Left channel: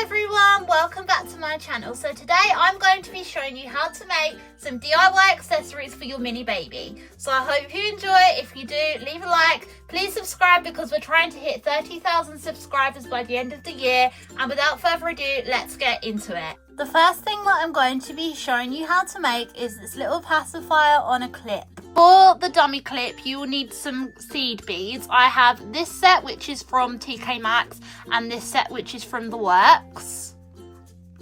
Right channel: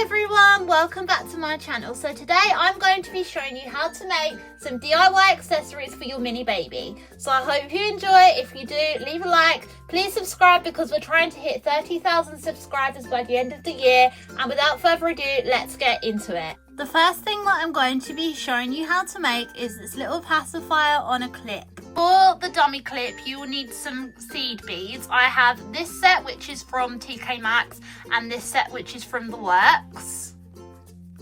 Hello everyone, welcome back to my channel. So today I'm going to be showing you how to make some DIY accessories for your mini baby. So I hope you enjoy. If you do, leave a like, please subscribe because we're trying to hit 30,000 subscribers by the end of the year. And without further ado, let's get into it. The first thing that I'm going to be showing you how to make is this little pacifier on a clip. For the dummy clip, you will need some seed beads. I have this set, which is from TK Maxx, and this set, which is from The Works.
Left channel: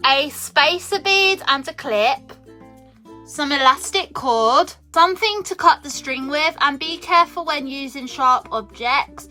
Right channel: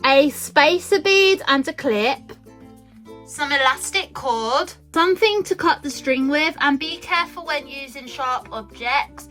A spacer bead and a clip. Some elastic cord. Something to cut the string with, and be careful when using sharp objects.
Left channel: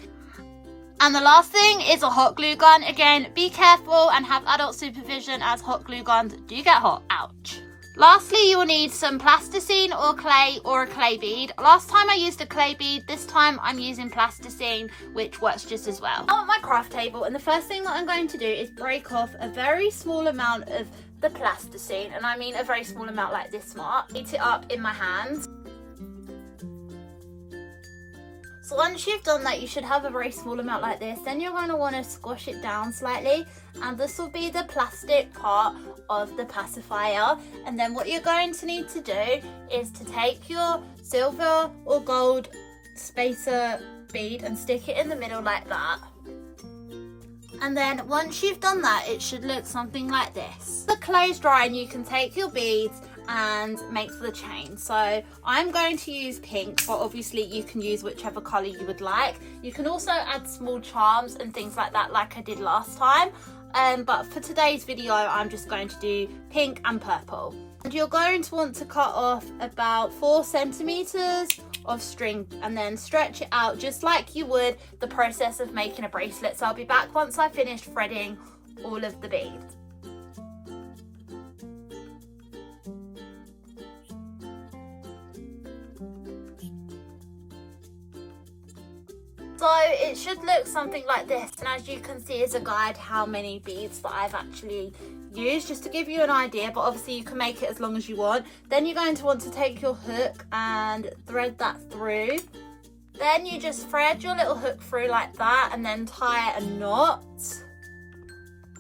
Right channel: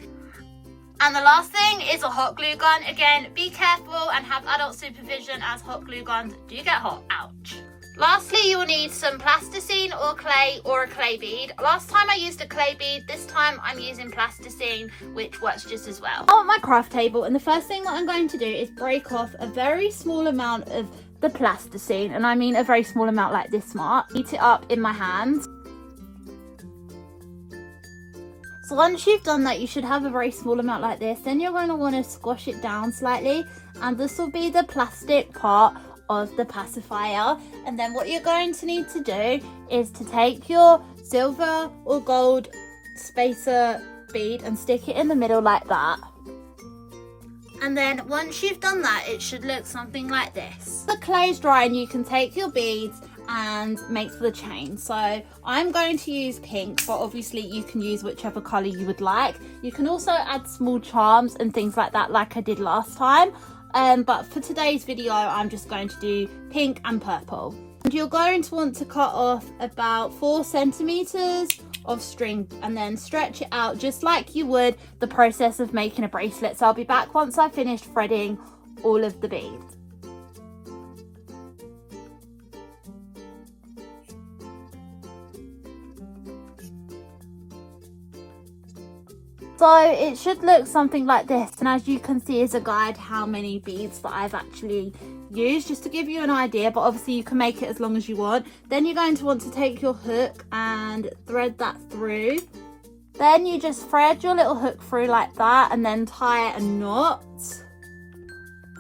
And the last thing is a hot glue gun. Again, be careful and have adult supervision as hot glue guns do get hot. Ouch. Lastly, you will need some plasticine or a clay bead. Last time I used a clay bead, this time I'm using plasticine, which works just as well. I want my craft table, and the first thing that I'm going to do is break off a very small amount of the plasticine, and I mean a very small amount like this much. Heat it up in my hand. So once you've done that, you should have a very small amount like this. Then you're going to want to squash it down slightly, and this will be the plastic part of the pacifier. And then what you're going to need to do is to take your silver or gold spacer bead and stick it in the middle like that. And then once you've done that, it should look something like this. The clay's dry and you can take your beads and make the chain. So I'm going to use pink, but obviously you can use whichever colour you would like. You can also add small charms and things like that, like I did last time. But for today's video, I'm just going to do pink and purple. And you're going to want to cut off about 4 centimeters of string and then stretch it out just like you would the process of making a bracelet. So I'll be back once I've finished threading all of the beads. So it should look something like this, and as you can see is a guide how many beads that I've actually used, just to give you an idea, but obviously you can make it as long as you want. Then you're going to want to take your hook and thread that through. Then you just thread your little hook through like that and then tie a knot.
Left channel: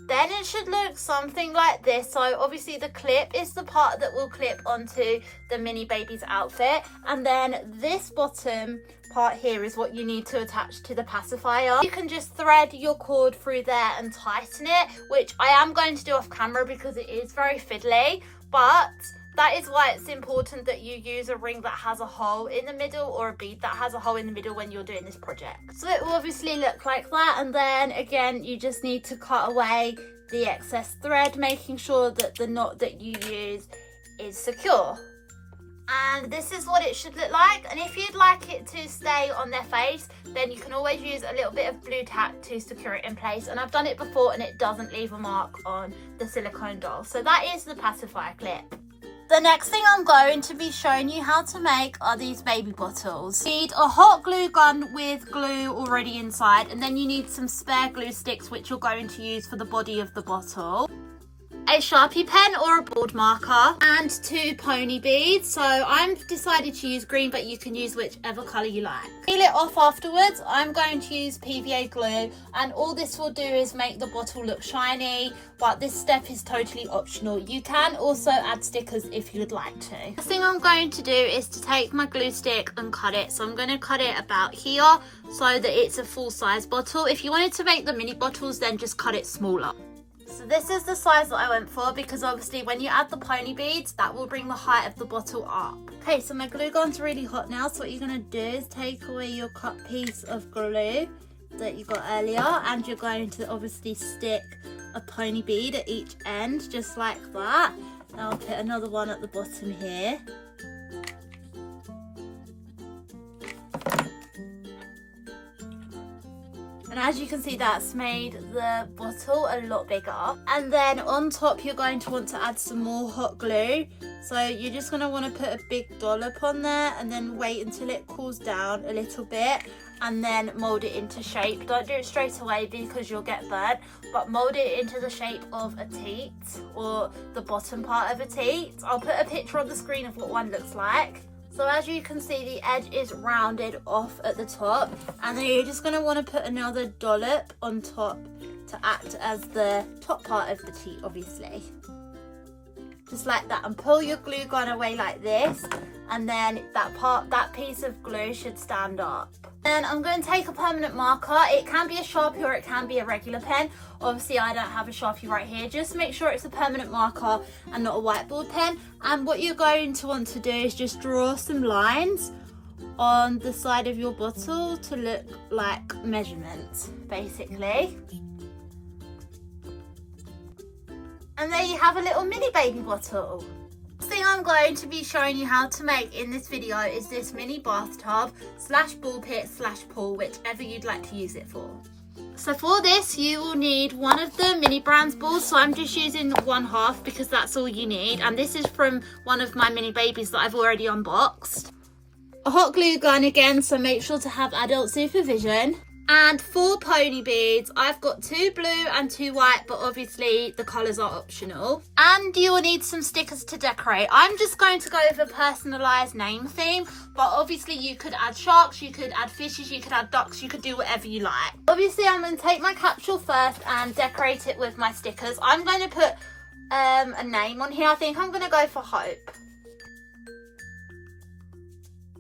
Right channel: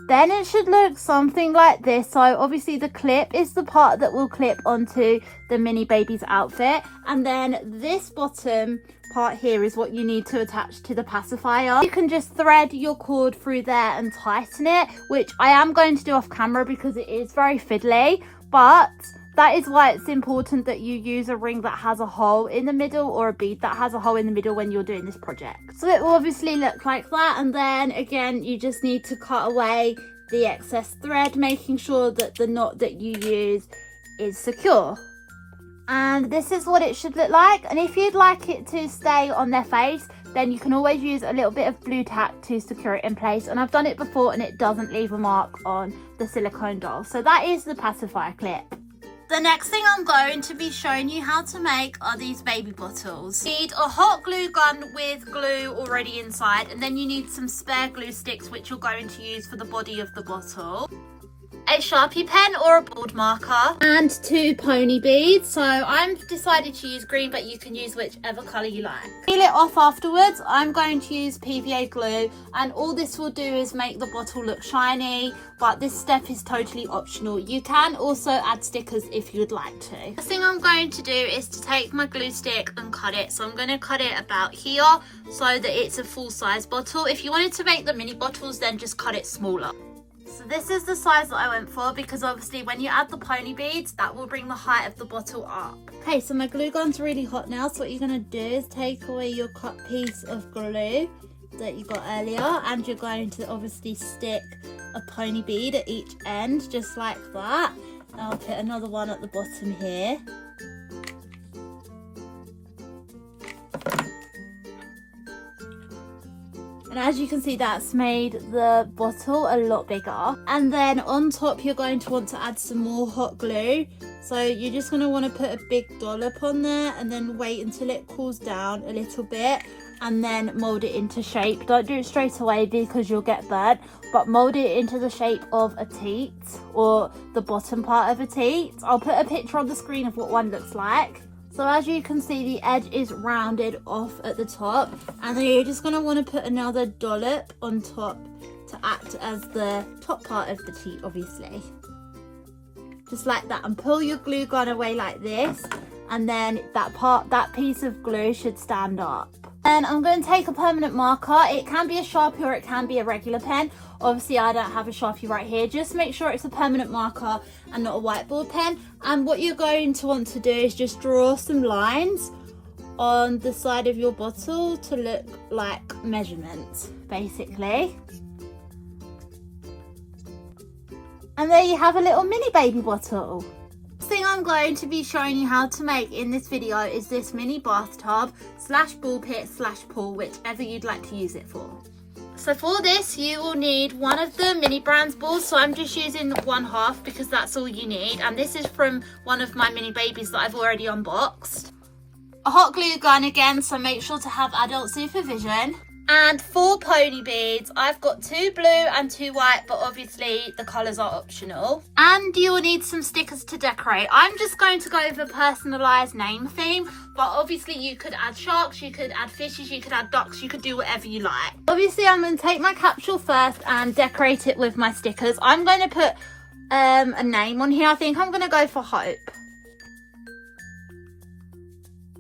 Then it should look something like this. So obviously the clip is the part that will clip onto the mini baby's outfit, and then this bottom part here is what you need to attach to the pacifier. You can just thread your cord through there and tighten it, which I am going to do off camera because it is very fiddly, but that is why it's important that you use a ring that has a hole in the middle or a bead that has a hole in the middle when you're doing this project. So it will obviously look like that, and then again you just need to cut away the excess thread, making sure that the knot that you use is secure. And this is what it should look like. And if you'd like it to stay on their face, then you can always use a little bit of blue tack to secure it in place. And I've done it before and it doesn't leave a mark on the silicone doll. So that is the pacifier clip. The next thing I'm going to be showing you how to make are these baby bottles. You need a hot glue gun with glue already inside, and then you need some spare glue sticks which you're going to use for the body of the bottle. A Sharpie pen or a board marker, and 2 pony beads. So I've decided to use green, but you can use whichever colour you like. Peel it off afterwards. I'm going to use PVA glue, and all this will do is make the bottle look shiny, but this step is totally optional. You can also add stickers if you'd like to. The thing I'm going to do is to take my glue stick and cut it. So I'm going to cut it about here so that it's a full size bottle. If you wanted to make the mini bottles, then just cut it smaller. So this is the size that I went for, because obviously when you add the pony beads, that will bring the height of the bottle up. Okay, so my glue gun's really hot now, so what you're going to do is take away your cut piece of glue that you got earlier, and you're going to obviously stick a pony bead at each end, just like that. Now I'll put another one at the bottom here. And as you can see, that's made the bottle a lot bigger. And then on top, you're going to want to add some more hot glue. So you're just going to want to put a big dollop on there and then wait until it cools down a little bit, and then mold it into shape. Don't do it straight away because you'll get burnt, but mold it into the shape of a teat, or the bottom part of a teat. I'll put a picture on the screen of what one looks like. So as you can see, the edge is rounded off at the top, and then you're just going to want to put another dollop on top to act as the top part of the sheet, obviously. Just like that, and pull your glue gun away like this, and then that piece of glue should stand up. And I'm going to take a permanent marker. It can be a Sharpie or it can be a regular pen. Obviously I don't have a Sharpie right here. Just make sure it's a permanent marker and not a whiteboard pen. And what you're going to want to do is just draw some lines on the side of your bottle to look like measurements, basically. And there you have a little mini baby bottle. The thing I'm going to be showing you how to make in this video is this mini bathtub slash ball pit slash pool, whichever you'd like to use it for. So for this you will need one of the mini brands balls, so I'm just using 1/2 because that's all you need, and this is from one of my mini babies that I've already unboxed. A hot glue gun again, so make sure to have adult supervision. And 4 pony beads. I've got 2 blue and 2 white, but obviously the colours are optional. And you will need some stickers to decorate. I'm just going to go with a personalised name theme, but obviously you could add sharks, you could add fishes, you could add ducks, you could do whatever you like. Obviously I'm going to take my capsule first and decorate it with my stickers. I'm going to put a name on here. I think I'm going to go for Hope.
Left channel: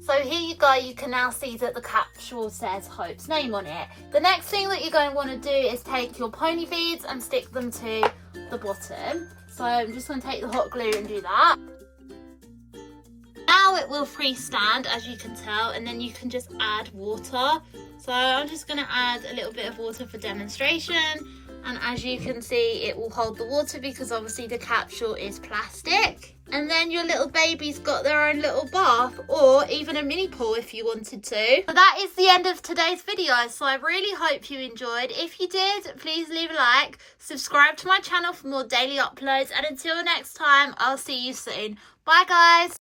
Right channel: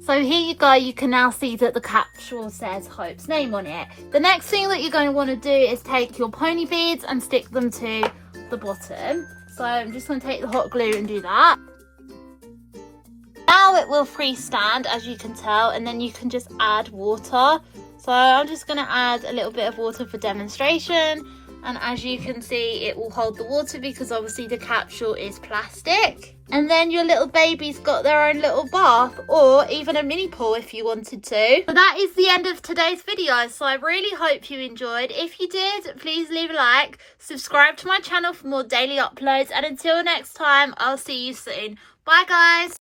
So here you go, you can now see that the capsule says Hope's name on it. The next thing that you're going to want to do is take your pony beads and stick them to the bottom. So I'm just going to take the hot glue and do that. Now it will freestand, as you can tell, and then you can just add water. So I'm just going to add a little bit of water for demonstration. And as you can see, it will hold the water because obviously the capsule is plastic. And then your little baby's got their own little bath, or even a mini pool if you wanted to. So that is the end of today's video, so I really hope you enjoyed. If you did, please leave a like, subscribe to my channel for more daily uploads, and until next time, I'll see you soon. Bye guys!